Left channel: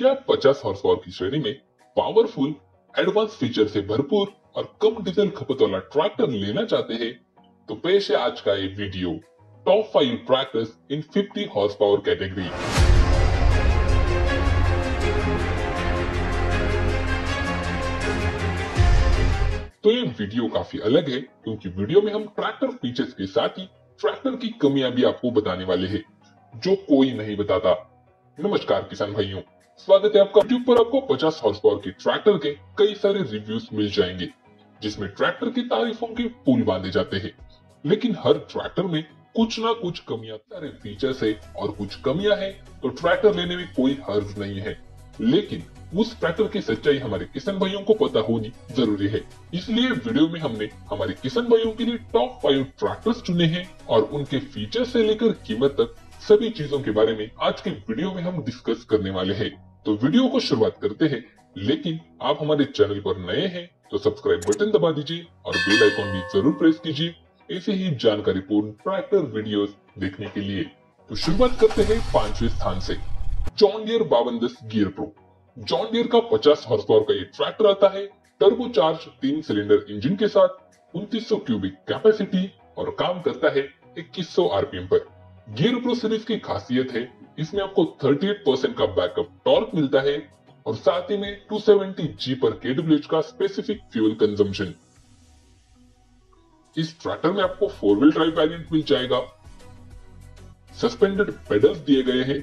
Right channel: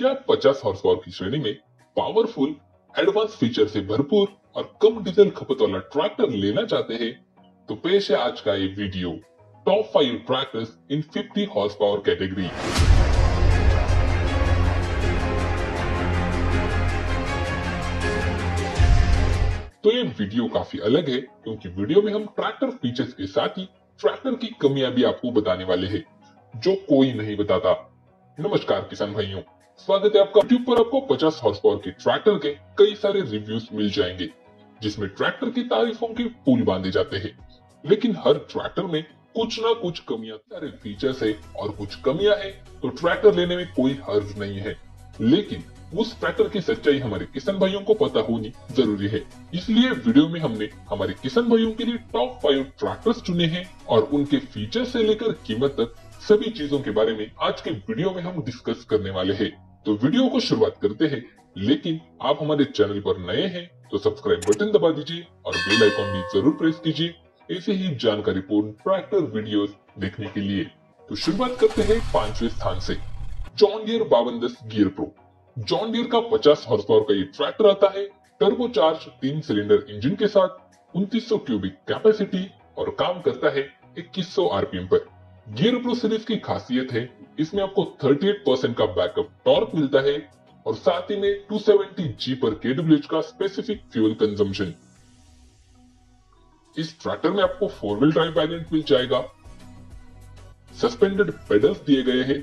क्या 50 horse power की श्रेणी में पावरफुल, एडवांस फीचर से भरपूर और कम डीजल खपत वाला ट्रैक्टर लेना चाहते हैं? तो पेश है आज का ये वीडियो, टॉप 5 ट्रैक्टर्स इन 50 हॉर्स पावर कैटेगरी। तो ये वीडियो काफी अलग है क्योंकि वीडियो में हम ट्रैक्टर फीचर्स के साथ ही ट्रैक्टर की कमियां भी आपको बताने वाले हैं, जो कोई नहीं बताता। नमस्कार किसान भाइयों, स्वागत है आपका। यूट्यूब पर आपको 50 हॉर्स पावर के ट्रैक्टर के कई सारे रिव्यूज मिल जाएंगे, जिसमें ट्रैक्टर की तारीफों के पुल बांधे जाते हैं। लेकिन हर ट्रैक्टर में कुछ ना कुछ कमियां, सारे फीचर्स है और कुछ कमियां हैं, तो ट्रैक्टर लेने में कोई हर्ज नहीं है। लेकिन उस ट्रैक्टर की सच्चाई हमारे किसान भाइयों को पता होनी जरूरी है। इसलिए वीडियो में हमने हमारे किसान भाइयों के लिए टॉप 5 ट्रैक्टर्स चुने हैं और उनके फीचर से लेकर कीमत तक सभी चीजों के बारे में आज के वीडियो में हम डिस्कस करने वाले हैं। तो वीडियो को शुरुआत करते हैं, लेकिन आप हमारे चैनल पर नए हैं तो सब्सक्राइब बटन दबा दीजिए और बेल आइकॉन भी जरूर प्रेस कीजिए, ऐसे ही जानकारीपूर्ण ट्रैक्टर वीडियोस देखने के लिए। तो शुरुआत करते हैं 5वें स्थान से, John Deere 5210 gear pro. John Deere का 50 हॉर्स पावर का ये ट्रैक्टर आता है टर्बोचार्ज 3 सिलेंडर इंजन के साथ, 2900 क्यूबिक कैपेसिटी और काम करता है 2100 आरपीएम पर। गियर प्रो सीरीज की खासियत है, इसमें आपको 38% का बैकअप टॉर्क मिलता है और साथ ही में 270 जी पर kWh का स्पेसिफिक फ्यूल कंजम्पशन। इस ट्रैक्टर में आपको 4 व्हील ड्राइव वेरिएंट मिल जाएगा, सस्पेंडेड पेडल्स दिए गए हैं।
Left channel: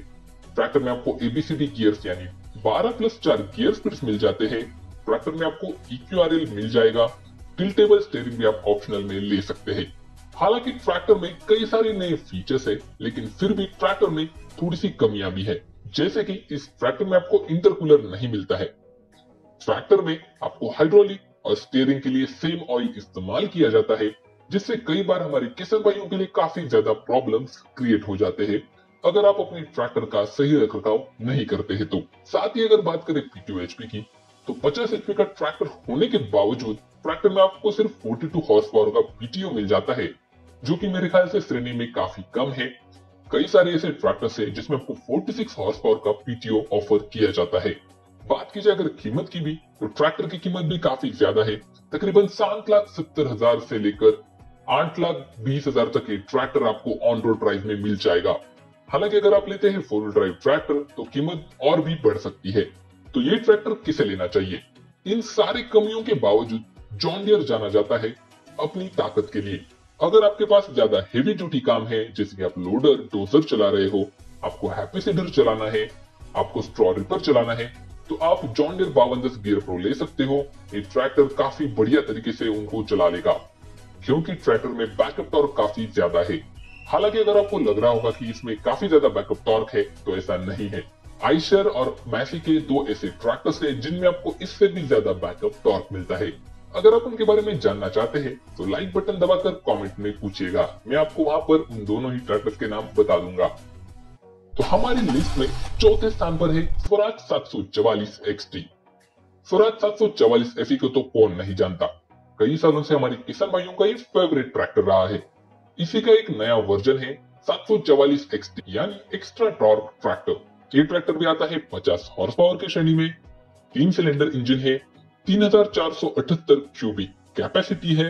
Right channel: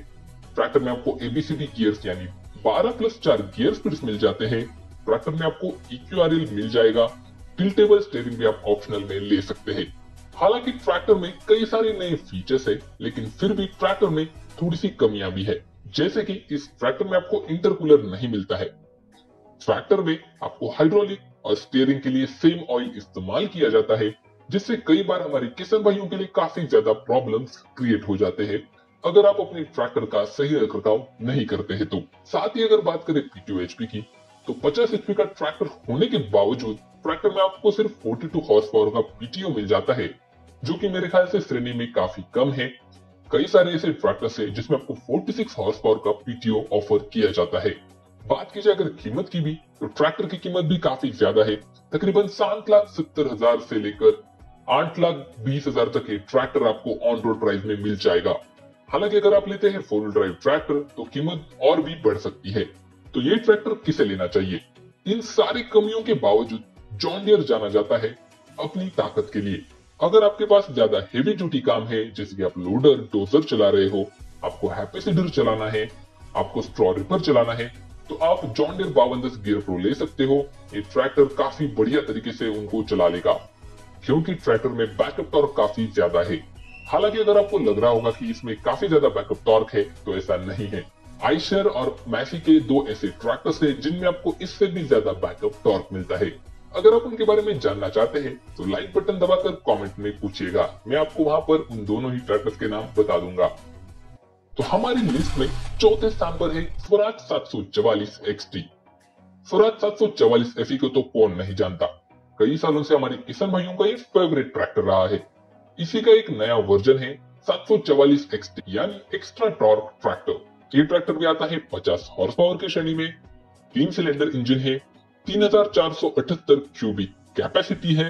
ट्रैक्टर में आपको एबीसीडी गियर्स यानी 12+4 गियर स्पीड्स मिल जाते हैं। ट्रैक्टर में आपको EQRL मिल जाएगा, टिल्टेबल स्टीयरिंग भी आप ऑप्शनल में ले सकते हैं। हालांकि ट्रैक्टर में कई सारे नए फीचर्स है, लेकिन फिर भी ट्रैक्टर में थोड़ी सी कमियां भी है, जैसे कि इस ट्रैक्टर में आपको इंटरकूलर नहीं मिलता है। ट्रैक्टर में आपको हाइड्रोलिक और स्टीयरिंग के लिए सेम ऑयल इस्तेमाल किया जाता है, जिससे कई बार हमारे किसान भाइयों के लिए काफी ज्यादा प्रॉब्लम्स क्रिएट हो जाते हैं अगर आप अपने ट्रैक्टर का सही रखरखाव नहीं करते हैं तो। साथ ही अगर बात करें PTO HP की, तो 50 HP का ट्रैक्टर होने के बावजूद ट्रैक्टर में आपको सिर्फ 42 हॉर्स पावर का PTO मिल जाता है, जो कि मेरे ख्याल से श्रेणी में काफी कम है। कई सारे ऐसे ट्रैक्टर्स हैं जिसमें आपको 46 हॉर्स पावर का PTO ऑफर किया जाता है। बात की जाए अगर कीमत की भी, तो ट्रैक्टर की कीमत भी काफी ज्यादा है। तकरीबन 7,70,000 से लेकर 8,20,000 तक ये ट्रैक्टर आपको ऑन रोड प्राइस में मिल जाएगा। हालांकि अगर आप लेते हैं 4 व्हील ड्राइव ट्रैक्टर तो कीमत और भी बढ़ सकती है। तो ये ट्रैक्टर किसे लेना चाहिए? इन सारी कमियों के बावजूद जॉन डियर जाना जाता है अपनी ताकत के लिए। अगर आपके पास ज्यादा हेवी ड्यूटी काम है, जैसे कि आप लोडर डोजर चला रहे हो, आपको हैप्पी सीडर चलाना है, आपको स्ट्रॉ रिपर चलाना है, तो आप जॉन डियर 5210 गियर प्रो ले सकते हो। ये ट्रैक्टर काफी बढ़िया तरीके से उनको चला लेगा, क्योंकि ट्रैक्टर में बैकअप टॉर्क काफी ज्यादा है। हालांकि अगर आपको लग रहा होगा कि इसमें काफी ज्यादा बैकअप टॉर्क है, तो ऐसा नहीं है। आइशर और मैसी के 2 ऐसे ट्रैक्टर्स हैं जिनमें आपको इससे भी ज्यादा बैकअप टॉर्क मिलता है। अगर आप उनके बारे में जानना चाहते हैं तो लाइक बटन दबाकर कमेंट में पूछिएगा, मैं आपको वहां पर उन दोनों ही ट्रैक्टर्स के नाम बता दूंगा। तो हमारी लिस्ट में चौथे स्थान पर है स्वराज 744 XT। स्वराज 744 SE को तो कौन नहीं जानता, कई सालों से हमारे किसान भाइयों का ये फेवरेट ट्रैक्टर रहा है। इसी का एक नया वर्जन है 744 XT यानी एक्स्ट्रा टॉर्क ट्रैक्टर। ये ट्रैक्टर भी आता है 50 हॉर्स पावर की श्रेणी में, 3 सिलेंडर इंजन है, 3478 क्यूबिक कैपेसिटी है,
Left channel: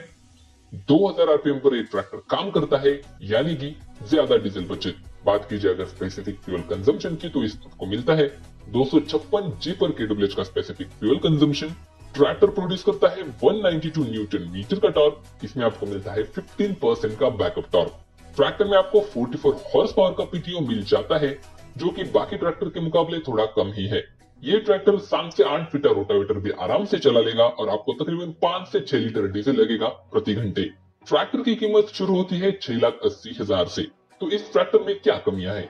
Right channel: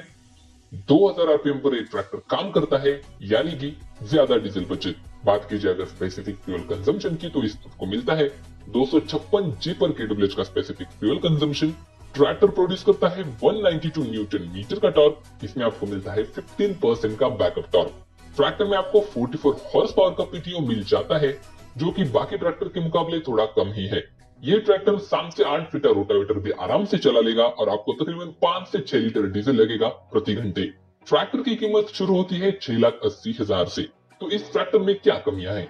2000 आरपीएम पर ये ट्रैक्टर काम करता है, यानी कि ज्यादा डीजल बचत। बात की जाए अगर स्पेसिफिक फ्यूल कंजम्पशन की, तो इसको मिलता है 256 जी पर kWh का specific fuel consumption. Tractor produce करता है 192 न्यूटन मीटर का टॉर्क, इसमें आपको मिलता है 15% का बैकअप टॉर्क। ट्रैक्टर में आपको 44 हॉर्स पावर का PTO मिल जाता है, जो कि बाकी ट्रैक्टर के मुकाबले थोड़ा कम ही है। ये ट्रैक्टर 7 से 8 फीट रोटावेटर भी आराम से चला लेगा और आपको तकरीबन 5 से 6 लीटर डीजल लगेगा प्रति घंटे। ट्रैक्टर की कीमत शुरू होती है 6,80,000 से। तो इस ट्रैक्टर में क्या कमियां हैं?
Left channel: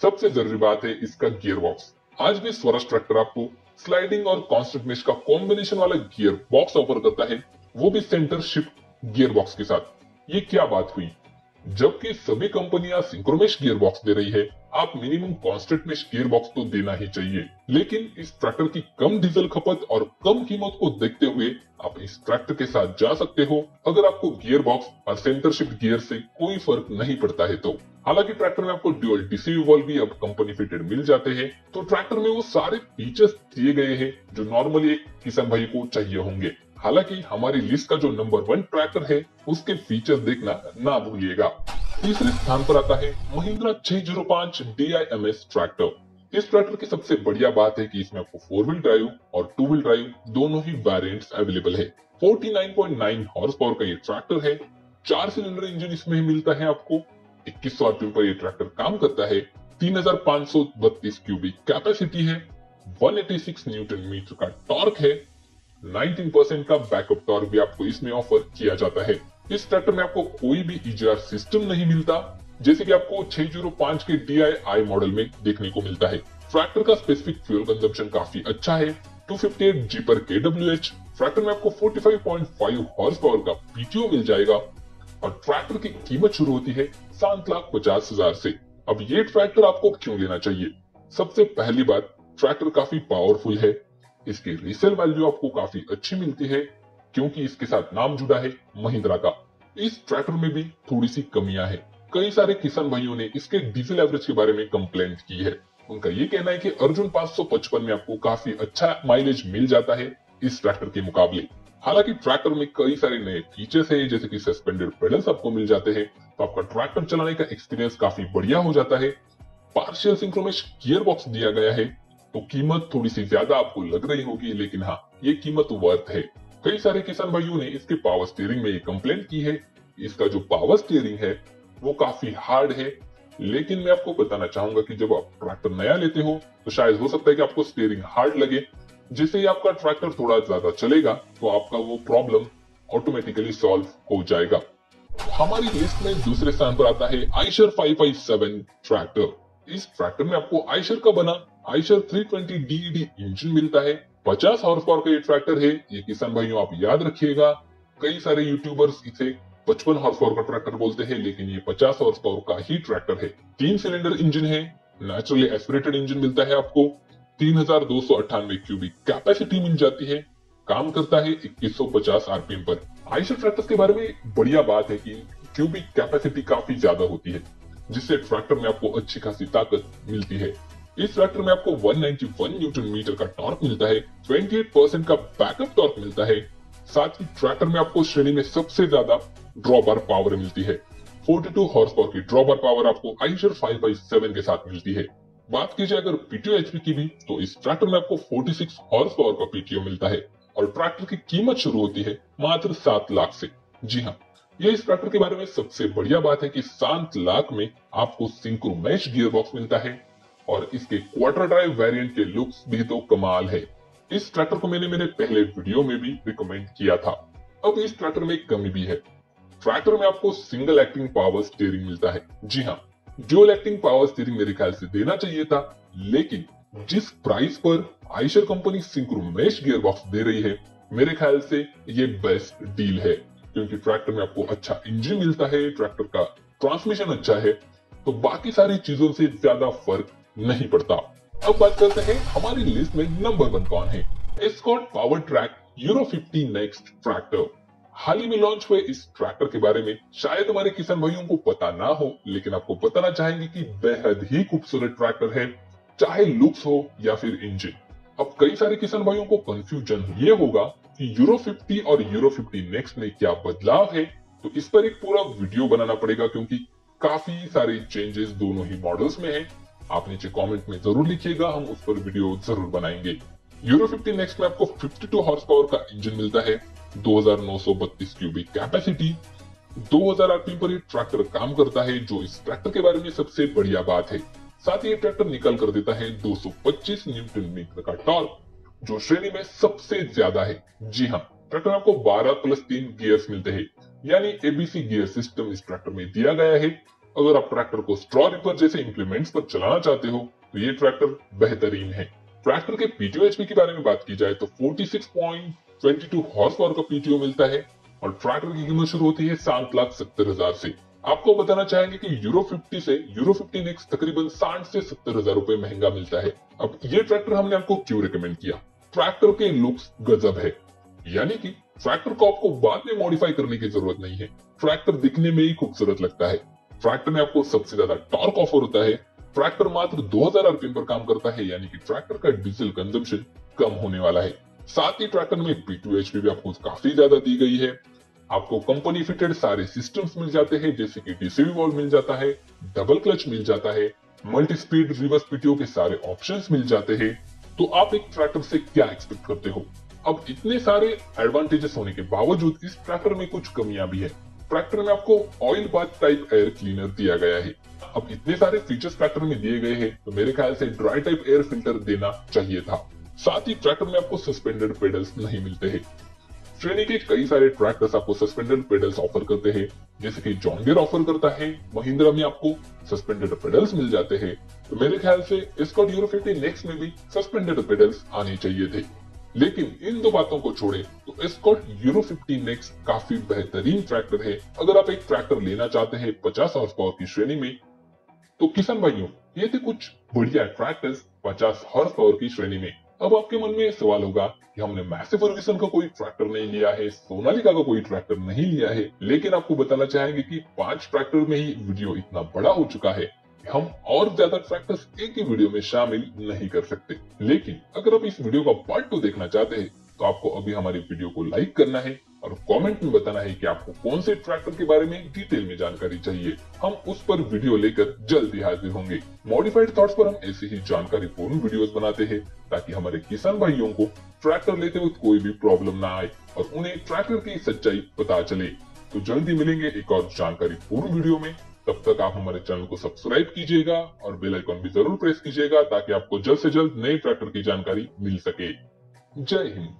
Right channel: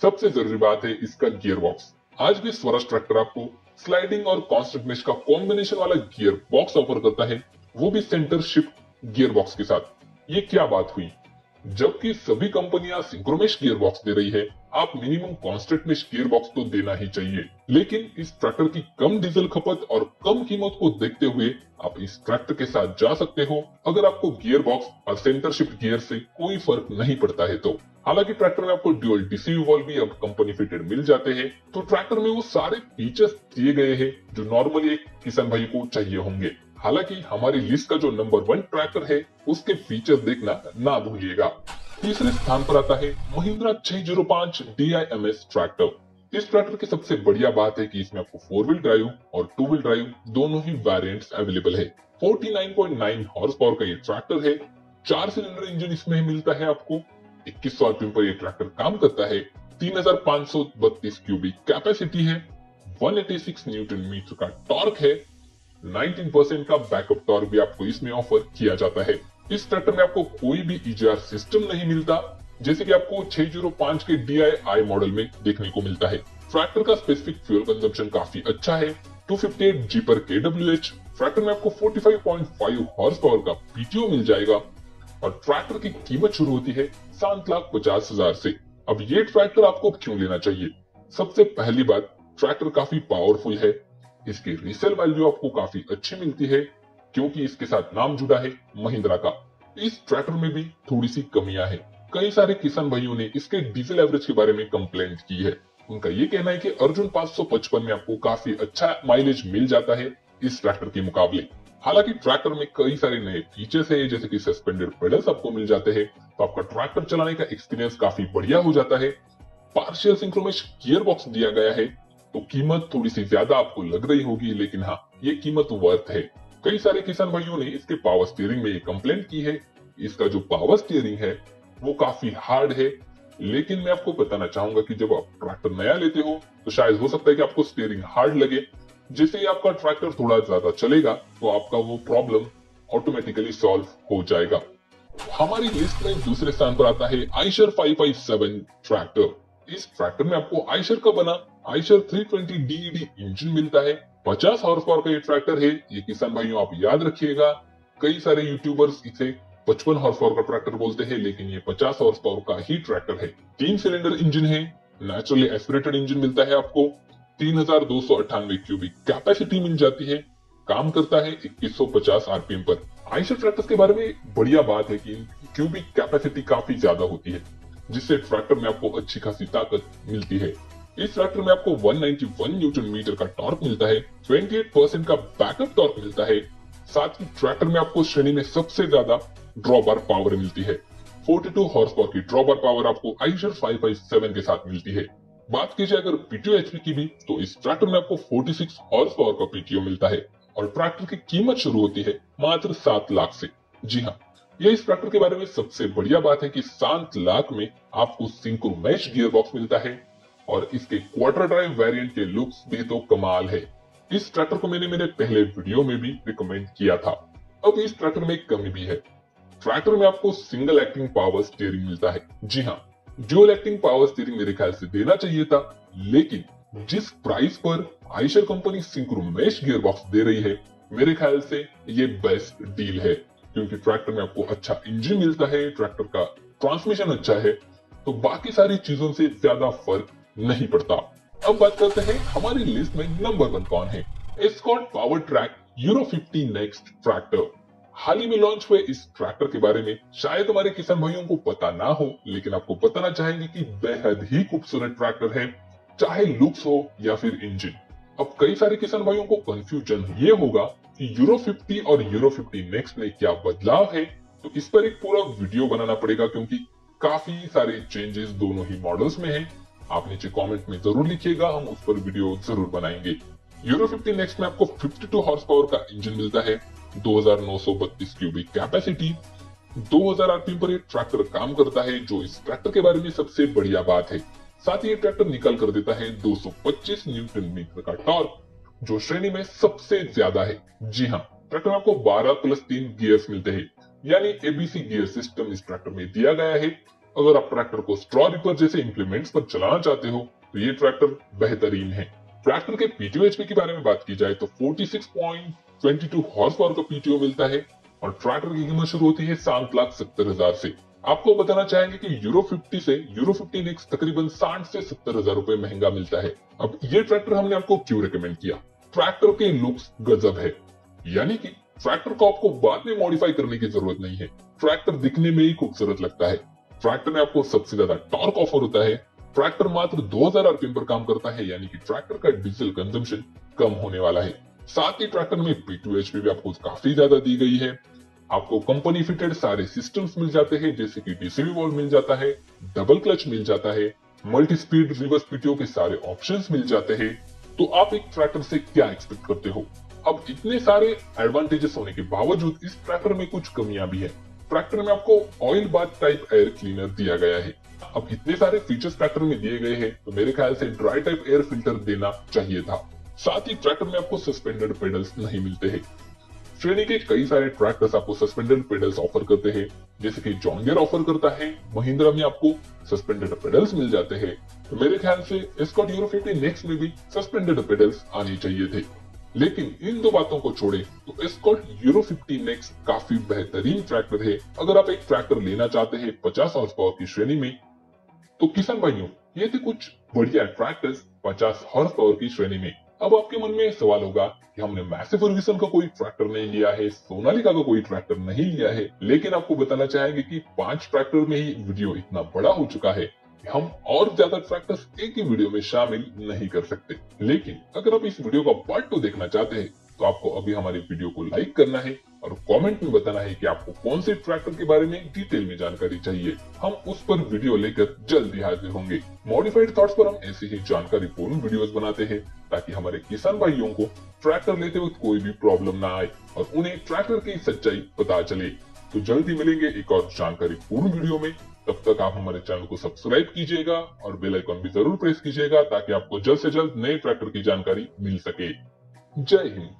सबसे जरूरी बात है इसका गियर बॉक्स। आज भी स्वराज ट्रैक्टर आपको स्लाइडिंग और कांस्टेंट मेश का कॉम्बिनेशन वाला गियर बॉक्स ऑफर करता है, वो भी सेंटर शिफ्ट गियर बॉक्स के साथ। ये क्या बात हुई? जबकि सभी कंपनियां सिंक्रोमेश गियर बॉक्स दे रही है, आप मिनिमम कांस्टेंट में गियर बॉक्स तो देना ही चाहिए। लेकिन इस ट्रैक्टर की कम डीजल खपत और कम कीमत को देखते हुए आप इस ट्रैक्टर के साथ जा सकते हो अगर आपको गियर बॉक्स और सेंटर शिफ्ट गियर से कोई फर्क नहीं पड़ता है तो। हालांकि ट्रैक्टर में आपको ड्यूअल डीसी वाल्व भी अब कंपनी फिटेड मिल जाते हैं, तो ट्रैक्टर में वो सारे फीचर्स दिए गए हैं जो नॉर्मली एक किसान भाई को चाहिए होंगे। हालांकि हमारी लिस्ट का जो नंबर 1 ट्रैक्टर है उसके फीचर देखना ना भूलिएगा। तीसरे स्थान पर आता है महिंद्रा 605 DIMS ट्रैक्टर। इस ट्रैक्टर की सबसे बढ़िया बात है कि इसमें आपको 4 व्हील ड्राइव और 2 व्हील ड्राइव दोनों ही वेरिएंट्स अवेलेबल है। 49.9 हॉर्स पावर का ये ट्रैक्टर है। 4 सिलेंडर इंजन इसमें मिलता है आपको। 2100 आरपीएम पर ये ट्रैक्टर काम करता है। 3532 क्यूबिक कैपेसिटी है। 186 न्यूटन मीटर का टॉर्क है। 19% का बैकअप टॉर्क भी आपको इसमें ऑफर किया जाता है। इस ट्रैक्टर में आपको कोई भी EGR सिस्टम नहीं मिलता, जैसे कि आपको 605 के DI मॉडल में देखने को मिलता है। ट्रैक्टर का स्पेसिफिक फ्यूल कंजम्पशन काफी अच्छा है, 258 G पर kWh। ट्रैक्टर में आपको 45.5 हॉर्स पावर का PTO मिल जाएगा और ट्रैक्टर की कीमत शुरू होती है 7,50,000 से। अब ये ट्रैक्टर आपको क्यों लेना चाहिए? सबसे पहली बात, ट्रैक्टर काफी पावरफुल है। इसकी रीसेल वैल्यू आपको काफी अच्छी मिलती है क्योंकि इसके साथ नाम जुड़ा है महिंद्रा का। इस ट्रैक्टर में भी थोड़ी सी कमियां है। कई सारे किसान भाइयों ने इसके डीजल एवरेज के बारे में कंप्लेंट की है। उनका ये कहना है कि अर्जुन 555 में आपको काफी अच्छा माइलेज मिल जाता है इस ट्रैक्टर के मुकाबले। हालांकि ट्रैक्टर में कई सारे नए फीचर्स है, जैसे कि सस्पेंडेड पेडल्स आपको मिल जाते हैं, तो आपका ट्रैक्टर चलाने का एक्सपीरियंस काफी बढ़िया हो जाता है। पार्शियल सिंक्रोमेश गियर बॉक्स दिया गया है, तो कीमत थोड़ी सी ज्यादा आपको लग रही होगी, लेकिन हाँ, ये कीमत वर्थ है। कई सारे किसान भाइयों ने इसके पावर स्टीयरिंग में कंप्लेंट की है। इसका जो पावर स्टीयरिंग है वो काफी हार्ड है, लेकिन मैं आपको बताना चाहूंगा कि जब आप ट्रैक्टर नया लेते हो तो शायद हो सकता है कि आपको स्टीयरिंग हार्ड लगे। जैसे ही आपका ट्रैक्टर थोड़ा ज्यादा चलेगा तो आपका वो प्रॉब्लम ऑटोमेटिकली सॉल्व हो जाएगा। हमारी लिस्ट में दूसरे स्थान पर आता है आयशर 5.7 ट्रैक्टर। इस ट्रैक्टर में आपको आयशर का बना आयशर 320 DED इंजन मिलता है। 50 हॉर्स पावर का ये ट्रैक्टर है। ये किसान भाइयों आप याद रखिएगा, कई सारे यूट्यूबर्स इसे 55 हॉर्स पावर का ट्रैक्टर बोलते हैं, लेकिन ये 50 हॉर्स पावर का ही ट्रैक्टर है। 3 सिलेंडर इंजन है। नेचुरली एस्पिरेटेड इंजन मिलता है आपको। 3298 क्यूबिक कैपेसिटी मिल जाती है। काम करता है 2150 आरपीएम पर। आयशर ट्रैक्टर्स के बारे में बढ़िया बात है कि क्यूबिक कैपेसिटी काफी ज्यादा होती है, जिससे ट्रैक्टर में आपको अच्छी खासी ताकत मिलती है। इस ट्रैक्टर में आपको 191 न्यूटन मीटर का टॉर्क मिलता है। 28% का बैकअप टॉर्क मिलता है। साथ ही ट्रैक्टर में आपको श्रेणी में सबसे ज्यादा ड्रॉबार पावर मिलती है। 42 हॉर्स पावर की ड्रॉबार पावर आपको आयशर 5.7 के साथ मिलती है। बात कीजिए अगर PTO HP की भी, तो इस ट्रैक्टर में आपको 46 हॉर्स पावर का PTO मिलता है और ट्रैक्टर की कीमत शुरू होती है मात्र 7 लाख से। जी हाँ, ये इस ट्रैक्टर के बारे में सबसे बढ़िया बात है कि 7 लाख में आपको सिंक्रोमेश गियर बॉक्स मिलता है और इसके क्वार्टर ड्राइव वेरिएंट के लुक्स भी तो कमाल है। इस ट्रैक्टर को मैंने मेरे पहले वीडियो में भी रिकमेंड किया था। अब इस ट्रैक्टर में एक कमी भी है। ट्रैक्टर में आपको सिंगल एक्टिंग पावर स्टीयरिंग मिलता है। जी हाँ, ड्यूअल एक्टिंग पावर स्टीयरिंग मेरे ख्याल से देना चाहिए था, लेकिन जिस प्राइस पर Eicher company synchromesh gear box दे रही है, मेरे ख्याल से ये बेस्ट डील है, क्योंकि ट्रैक्टर में आपको अच्छा इंजन मिलता है, ट्रैक्टर का ट्रांसमिशन अच्छा है, तो बाकी सारी चीजों से ज्यादा फर्क नहीं पड़ता। अब बात करते हैं हमारी लिस्ट में नंबर 1 कौन है। Escort power track Euro 50 next tractor. हाल ही में लॉन्च हुए इस ट्रैक्टर के बारे में शायद हमारे किसान भाइयों को पता ना हो, लेकिन आपको बताना चाहेंगे कि बेहद ही खूबसूरत ट्रैक्टर है, चाहे लुक्स हो या फिर इंजन। अब कई सारे किसान भाइयों को कंफ्यूजन ये होगा कि यूरो 50 और यूरो 50 नेक्स्ट में क्या बदलाव है, तो इस पर एक पूरा वीडियो बनाना पड़ेगा, क्योंकि काफी सारे चेंजेस दोनों ही मॉडल्स में हैं। आप नीचे कमेंट में जरूर लिखिएगा, हम उस पर वीडियो जरूर बनाएंगे। यूरो 50 नेक्स्ट में आपको 52 हॉर्स पावर का इंजन मिलता है। 2932 क्यूबिक कैपेसिटी। 2000 आरपीएम पर ये ट्रैक्टर काम करता है, जो इस ट्रैक्टर के बारे में सबसे बढ़िया बात है। साथ ही ये ट्रैक्टर निकल कर देता है 225 न्यूटन मीटर का टॉर्क, जो श्रेणी में सबसे ज्यादा है। जी हाँ, ट्रैक्टर में आपको 12+3 गियर्स मिलते हैं, यानी ABC गियर सिस्टम इस ट्रैक्टर में दिया गया है। अगर आप ट्रैक्टर को स्ट्रॉ रिपर जैसे इंप्लीमेंट्स पर चलाना चाहते हो तो ये ट्रैक्टर बेहतरीन है। ट्रैक्टर के PTO HP के बारे में बात की जाए तो 46.22 हॉर्स पावर का PTO मिलता है और ट्रैक्टर की कीमत शुरू होती है 7,70,000 से। आपको बताना चाहेंगे कि यूरो 50 से यूरो 15X तकरीबन 60 से 70 हजार रुपए महंगा मिलता है। अब ये ट्रैक्टर हमने आपको क्यों रिकमेंड किया? ट्रैक्टर के लुक्स गजब है, यानी कि ट्रैक्टर को आपको बाद में मॉडिफाई करने की जरूरत नहीं है। ट्रैक्टर दिखने में ही खूबसूरत लगता है। ट्रैक्टर में आपको सबसे ज्यादा टॉर्क ऑफर होता है। ट्रैक्टर मात्र 2000 आरपीएम पर काम करता है, यानी कि ट्रैक्टर का डीजल कंजम्पशन कम होने वाला है। साथ ही ट्रैक्टर में P2 HP भी आपको काफी ज्यादा दी गई है। आपको कंपनी फिटेड सारे सिस्टम्स मिल जाते हैं, जैसे कि डीसीवी वॉल्व मिल जाता है, डबल क्लच मिल जाता है, मल्टी स्पीड रिवर्स पीटीओ के सारे ऑप्शंस मिल जाते हैं। तो आप एक ट्रैक्टर से क्या एक्सपेक्ट करते हो? अब इतने सारे एडवांटेजेस होने के बावजूद इस ट्रैक्टर में कुछ कमियां भी है। ट्रैक्टर में आपको oil bath type air cleaner दिया गया है। अब इतने सारे फीचर्स ट्रैक्टर में दिए गए हैं, तो मेरे ख्याल से ड्राई टाइप एयर फिल्टर देना चाहिए था। साथ ही ट्रैक्टर में आपको सस्पेंडेड पेडल्स नहीं मिलते हैं। श्रेणी के कई सारे ट्रैक्टर्स आपको सस्पेंडेड पेडल्स ऑफर करते हैं, जैसे कि जॉन डियर ऑफर करता है, महिंद्रा में आपको सस्पेंडेड पेडल्स मिल जाते हैं। तो मेरे ख्याल से एस्कॉर्ट यूरो 50 नेक्स्ट में भी सस्पेंडेड पेडल्स आने चाहिए थे। लेकिन इन दो बातों को छोड़े तो एस्कॉर्ट यूरो 50 नेक्स्ट काफी बेहतरीन ट्रैक्टर है। अगर आप एक ट्रैक्टर लेना चाहते हैं 50 हॉर्स पावर की श्रेणी में, तो किसान भाइयों, ये थे कुछ बढ़िया ट्रैक्टर्स 50 हॉर्स पावर की श्रेणी में। अब आपके मन में सवाल होगा कि हमने मैसी फर्ग्यूसन का कोई ट्रैक्टर नहीं लिया है, सोनालिका का कोई ट्रैक्टर नहीं लिया है, लेकिन आपको बताना चाहेंगे कि 5 ट्रैक्टर में ही वीडियो इतना बड़ा हो चुका है कि हम और ज्यादा ट्रैक्टर्स एक ही वीडियो में शामिल नहीं कर सकते। लेकिन अगर आप इस वीडियो का पार्ट 2 देखना चाहते हैं, तो आपको अभी हमारी वीडियो को लाइक करना है और कमेंट में बताना है कि आपको कौन से ट्रैक्टर के बारे में डिटेल में जानकारी चाहिए। हम उस पर वीडियो लेकर जल्दी हाजिर होंगे। मॉडिफाइड थॉट्स पर हम ऐसी ही जानकारी पूर्ण वीडियोस बनाते हैं, ताकि हमारे किसान भाइयों को ट्रैक्टर लेते वक्त कोई भी प्रॉब्लम ना आए और उन्हें ट्रैक्टर की सच्चाई पता चले। तो जल्दी मिलेंगे एक और जानकारी पूर्ण वीडियो में। तब तक आप हमारे चैनल को सब्सक्राइब कीजिएगा और बेल आइकन भी जरूर प्रेस कीजिएगा, ताकि आपको जल्द से जल्द नए ट्रैक्टर की जानकारी मिल सके। जय हिंद।